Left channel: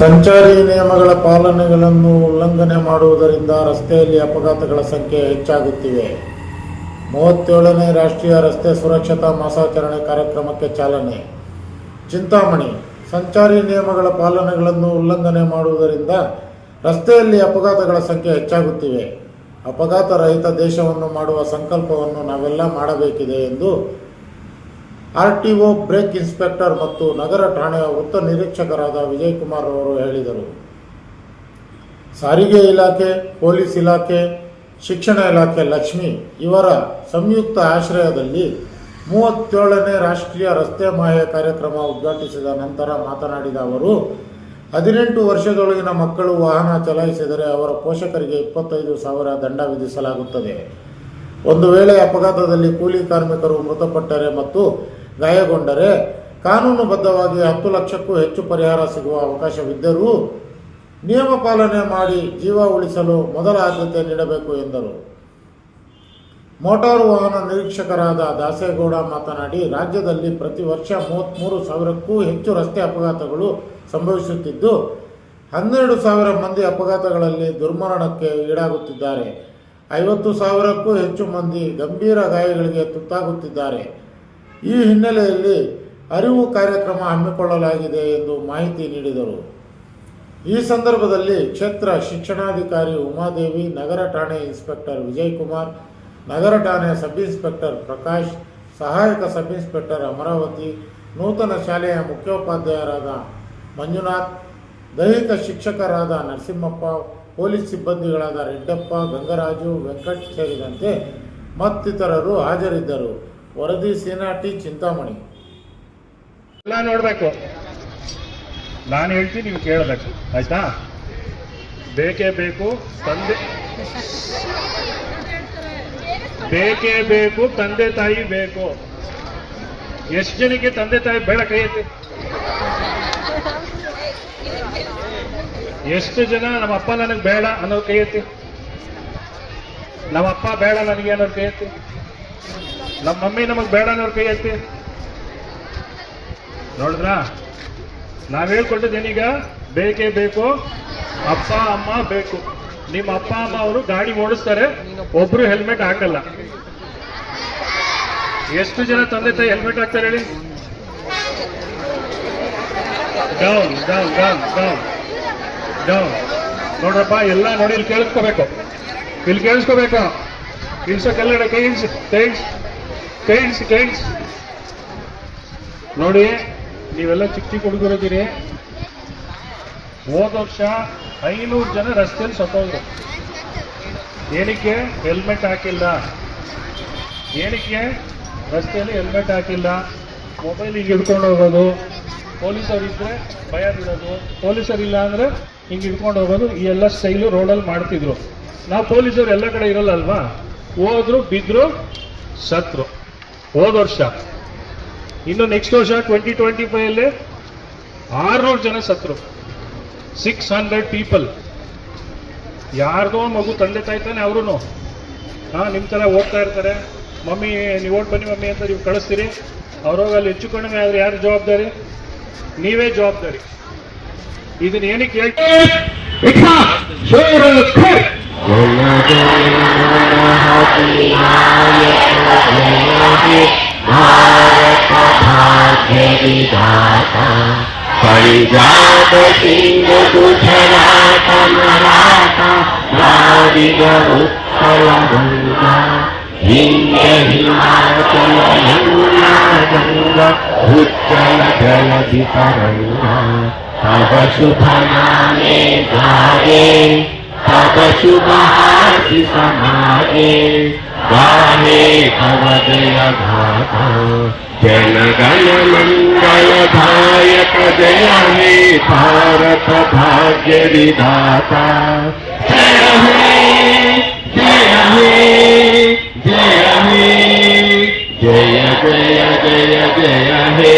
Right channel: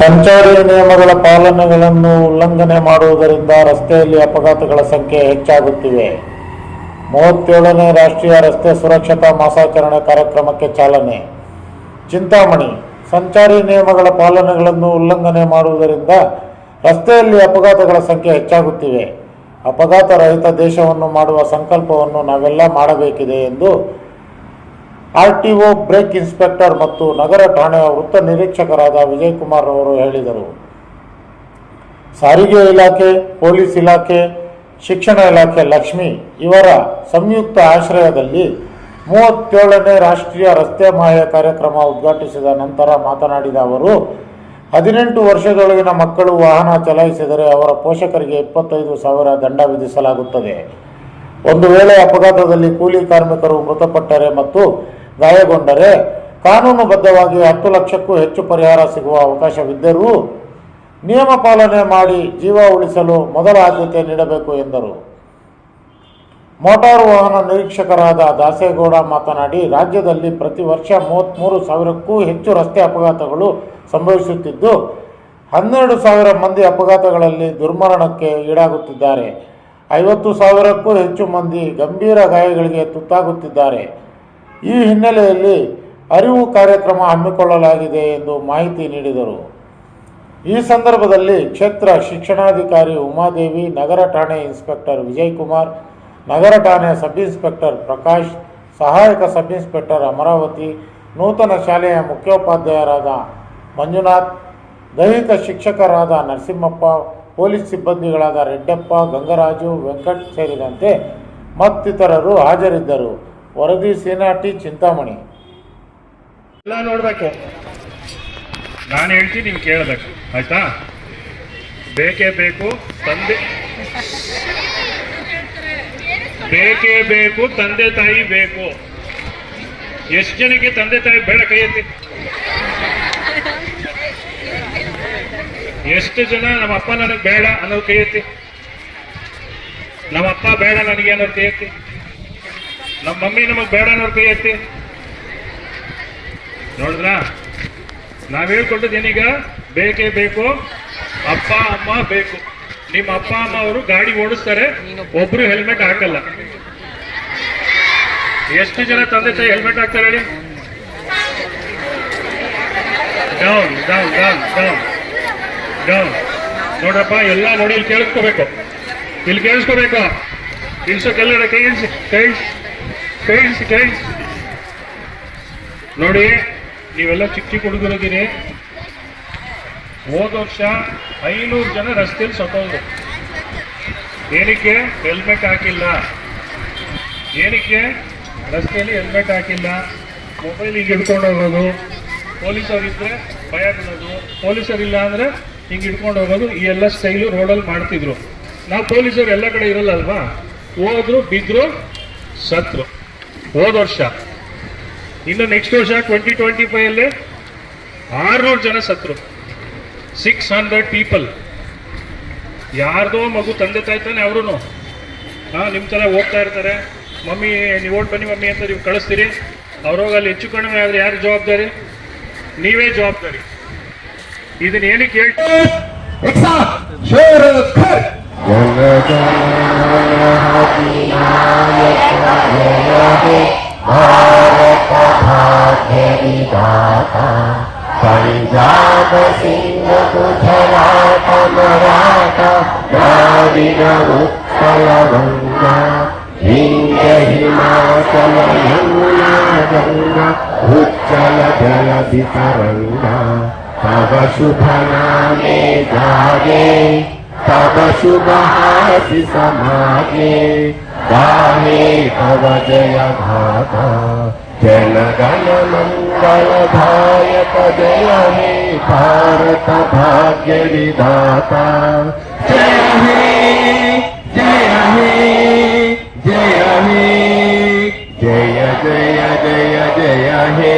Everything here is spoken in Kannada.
ಸಂಚಾರಿ ನಿಯಮಗಳ ಪಾಲನೆಗಳನ್ನು ಉಲ್ಲಂಘನೆ ಮಾಡುವುದರಿಂದ ರಸ್ತೆಯಲ್ಲಿ ಅಪಘಾತಗಳ ಸಂಖ್ಯೆ ಹೆಚ್ಚಾಗುತ್ತಿವೆ. ಮೂವತ್ತೇಳನೇ ರಾಷ್ಟ್ರೀಯ ರಸ್ತೆ ಸುರಕ್ಷತಾ ಮಾಸಾಚರಣೆ ಕಾರ್ಯಕ್ರಮಕ್ಕೆ ಚಾಲನೆ. ಚಿಂತಾಮಣಿ, ಸಂಚಾರಿ ನಿಯಮಗಳ ಪಾಲನೆಗಳನ್ನು ಉಲ್ಲಂಘನೆ ಮಾಡುವುದರಿಂದ ರಸ್ತೆಯಲ್ಲಿ ಅಪಘಾತಗಳ ಸಂಖ್ಯೆ ಹೆಚ್ಚಾಗುತ್ತಿವೆ. ಅಪಘಾತ ರಹಿತ ದೇಶವನ್ನು ಮಾಡುವ ಸಂಕಲ್ಪವನ್ನು ನಾವೆಲ್ಲ ಮಾಡಬೇಕಿದೆ ಎಂದು ಆರ್ಟಿಒ ಬ್ರೇಕ್ ಇನ್ಸ್ಪೆಕ್ಟರ್ ಮತ್ತು ನಗರ ಠಾಣೆಯ ವೃತ್ತ ನಿರೀಕ್ಷಕರಾದ ವಿಜಯ್ ಕುಮಾರ್ ಅವರು ಹೇಳಿದರು. ಸಾರಿಗೆ ಇಲಾಖೆ, ಪೊಲೀಸ್ ಇಲಾಖೆ, ಶಿಕ್ಷಣ ಇಲಾಖೆ, ಲಕ್ಷ್ಮಿ ಇವರ ಸಂಯುಕ್ತ ಆಶ್ರಯದಲ್ಲಿ ಮೂವತ್ತೇಳನೇ ರಾಷ್ಟ್ರೀಯ ರಸ್ತೆ ಮಹಾಯ ಕಾರ್ಯಕ್ರಮ ಉದ್ಘಾಟಿಸಿದ ನಂತರ ಮಾತನಾಡಿದ ಅವರು, ಹದಿನೆಂಟು ವರ್ಷದೊಳಗಿನ ಮಕ್ಕಳು ವಾಹನ ಚಲಾಯಿಸಿದರೆ ಅವರ ಪೋಷಕರಿಗೆ ಇಪ್ಪತ್ತೈದು ಸಾವಿರ ದಂಡ ವಿಧಿಸಲಾಗುತ್ತದೆ. ಒಂದು ವೇಳೆ ಅಪಘಾತದಲ್ಲಿ ಕೂಲಿ ಕಾರ್ಮಿಕರು ಮೃತಪಟ್ಟರೆ ಮತ್ತು ಗಾಯಗೊಂಡರೆ ಕಾನೂನುಬದ್ಧವಾಗಿ ಹತ್ತು ಲಕ್ಷಕ್ಕೂ ಹೆಚ್ಚು ಪರಿಹಾರ ಸಿಗುವ ಅವಕಾಶವಿದ್ದರೂ ನಿಯಮ ಪಾಲನೆ ಮಾಡಿ ಜೀವ ಉಳಿಸಲು ಮೊದಲ ಆದ್ಯತೆ ನೀಡಬೇಕು ಎಂದರು. ಮೋಟಾರು ವಾಹನ ನಿರೀಕ್ಷಕರಾದ ದಾಸೇಗೌಡ ಮಾತನಾಡಿ, ರಾಜ್ಯದಲ್ಲಿ ಪ್ರತಿ ವರ್ಷ ಮೂವತ್ತ್ಮೂರು ಸಾವಿರಕ್ಕೂ ಹೆಚ್ಚು ರಸ್ತೆ ಅಪಘಾತಗಳು ಸಂಭವಿಸುತ್ತಿದ್ದು, ಹನ್ನೆರಡು ಸಾವಿರ ಮಂದಿ ಅಪಘಾತಗಳಲ್ಲಿ ದುರ್ಮರಣಕ್ಕೆ ಈಡಾಗುತ್ತಿದ್ದಾರೆ. ಐವತ್ತು ಸಾವಿರಕ್ಕೂ ಹೆಚ್ಚು ಮಂದಿ ಗಂಭೀರ ಗಾಯಗಳಿಗೆ ತುತ್ತಾಗುತ್ತಿದ್ದಾರೆ. ಈ ಹಿನ್ನೆಲೆಯಲ್ಲಿ ಅರಿವು ಕಾರ್ಯಕ್ರಮ ಹಮ್ಮಿಕೊಳ್ಳಲಾಗಿದೆ ಎಂದು ಮಾಹಿತಿ ನೀಡಿದರು. ಈ ಸಂದರ್ಭದಲ್ಲಿ ಕ್ಷೇತ್ರ ಶಿಕ್ಷಣಾಧಿಕಾರಿ ಉಮಾದೇವಿ, ನಗರ ಠಾಣೆ ಇನ್ಸ್ಪೆಕ್ಟರ್ ವಿಜಯ್ ಕುಮಾರ್ ನಗರ ಠಾಣೆ ಸಬ್ ಇನ್ಸ್ಪೆಕ್ಟರ್ ಪ್ರಕಾಶ್, ಸಹಾಯಕ ಸಬ್ ಇನ್ಸ್ಪೆಕ್ಟರ್ ಅಮರಾವತಿ, ನೂತನ ಶಾಲೆಯ ಮುಖ್ಯೋಪಾಧ್ಯಾಯರಾದ ಮಂಜುನಾಥ್, ದೈಹಿಕ ಶಿಕ್ಷಕರಾದ ನರಸಿಂಹಪ್ಪ, ಪೊಲೀಸ್ ಸಿಬ್ಬಂದಿಗಳಾದ ರೆಡ್ಡಪ್ಪ, ಗಂಗರಾಜು, ವೆಂಕಟ್ ಸೇರಿದಂತೆ ಮತ್ತಿತರರು ಹಾಜರಿದ್ದರು. ವರದಿ ಸೇನಾಟಿ ಚಿಂತಾಮಣಿ. ಎಲ್ಲ ನೋಡಬೇಕು. ನಾನು ಹೇಳ್ತೀನಿ, ನೀವು ಕೇಳಬೇಕು. ಆಯ್ತಾ? ಬೇಕೇ ಬೇಕು, ತಂದೆ ಬೇಕೇ ಬೇಕು, ತಂದೆ ತಾಯಿ ಬೇಕು. ಎಷ್ಟು ಜನಕ್ಕೆ ತಂದೆ ತಾಯಿ ಬೇಡ ಕೈ ಎಷ್ಟು ಜನ ನಮ್ಮ ಅಪ್ಪ ನನಗೆ ಬೇಡ ಅನ್ನೋದು ಕೈ ಎತ್ತಿ ನಮ್ಮ ಅಪ್ಪ ಬೇಡ ನನಗೆ ಅನ್ನೋದು ಕೈ ನಮ್ಮ ಮಮ್ಮಿ ನಮಗೆ ಬೇಡ ಅನ್ನೋರು ಕೈ ಎತ್ತಿ. ನೋಡಿದ್ರಾ? ನಾವ್ ಹೇಳ್ಕೊಟ್ಟಿದ್ದೇನೀಗ ಬೇಕೇ ಬೇಕು, ಅಪ್ಪ, ಅಮ್ಮ ಬೇಕು. ನಿಮ್ಮ ಅಪ್ಪ, ಅಮ್ಮ ಅವರು ಗಾಡಿ ಓಡಿಸ್ತಾರೆ, ಒಬ್ರು ಹೆಲ್ಮೆಟ್ ಹಾಕಲ್ಲ. ಎಷ್ಟು ಜನ ತಂದೆ ತಾಯಿ ಹೆಲ್ಮೆಟ್ ಹಾಕ್ತಾರೆ ಹೇಳಿ? Down down down down down ನೋಡ್ರಪ್ಪ, ಎಲ್ಲ ನೋಡಿ ಇಲ್ಲಿ ಕೇಳಿಸ್ಕೋಬೇಕು. ಇಲ್ಲಿ ಕೇಳಿಸ್ಕೋಬೇಕು? ಇಲ್ಸೋ ಕೈ ಇಳಿಸಿ, ಕೈ ಇಳಿಸಿ ಕೈ ಇಳಿಸಿ ಕೈ ಇಳಿಸಿ ನೋಡಿ, ನೀವೆಲ್ಲ ಚಿಕ್ಕ ಚಿಕ್ಕ ಹುಡುಗರಿದ್ದೀರಿ ಹೋದ ವರ್ಷ ಐನೂರು ಜನ ರಸ್ತೆಯಲ್ಲಿ ಸತ್ತೋದ್ರು. ಏನಕ್ಕೆ? ಹೆಲ್ಮೆಟ್ ಹಾಕಿಲ್ಲ. ಏನಕ್ಕೆ? ರಸ್ತೆಯಲ್ಲಿ ಹೆಲ್ಮೆಟ್ ಹಾಕಿಲ್ಲ. ಮೊಬೈಲ್ ಹಿಂಗೆ ಹಿಡ್ಕೊಂಡು ಹೋಗೋದು. ಪೊಲೀಸರು ಇದ್ರೆ ಭಯ ಬಿಡೋದು. ಪೊಲೀಸರು ಇಲ್ಲ ಅಂದ್ರೆ ಹಿಂಗೆ ಹಿಡ್ಕೊಂಡು ಹೋಗೋದು. ಈ ಎಲ್ಲ ಸ್ಟೈಲು ರೋಡಲ್ಲಿ ಮಾಡ್ತಿದ್ರು. ನಾವು ಪೊಲೀಸರು ಎಲ್ಲ ಕಡೆ ಇರಲ್ಲ ಅಲ್ವಾ? ಹೋದ್ರು, ಬಿದ್ರು, ಸತ್ರು. ಹೋದ ವರ್ಷ. ಇನ್ನು ನೆಕ್ಸ್ಟ್ ವರ್ಷ ಟ್ವೆಂಟಿ ಟ್ವೆಂಟಿ ಫೈವ್ ಅಲ್ಲಿ ಆರ್ನೂರು ಜನ ಸತ್ರು. ಸಿಕ್ಸ್ ಹಂಡ್ರೆಡ್ ಪೀಪಲ್ ಯಾರ್ದೋ ಮಗು ತಂದೆ ತಾಯಿ ತಾನೆ ಅವರು ಹಾ ನಿಮ್ಮ ತರ ಹೋಗ್ತಾ ಇರ್ತಾರೆ. ಮಮ್ಮಿ, ನೀವು ಓಟ್ ಬನ್ನಿ ಮಮ್ಮಿ ಅಂತ ನೀವು ಕಳಿಸ್ತೀರಿ. ಅವ್ರೋಗ ಅಲ್ಲಿ ಹೆಚ್ಚು ಕಡಿಮೆ ಆದರೆ ಯಾರು ಜವಾಬ್ದಾರಿ? ನೀವೇ ಜವಾಬ್ದಾರಿ. ಇದನ್ನ ಏನಕ್ಕೆ ಹೇಳ್ತೀವಿ भारतभाग्यविधाता पञ्जाब सिंह गुजरात मराठा नारिव उत्कल गङ्गा विन्द्य हिमाचल यमुना गङ्गा उज्जल जलधि तरङ्गा तव तव शुभहासि समाजे गाहे भव जयभागा जनगणमङ्गलधायक जय हे भारत भाग्यविधाता जय हे जय हे जय हे जय जय जय जय हे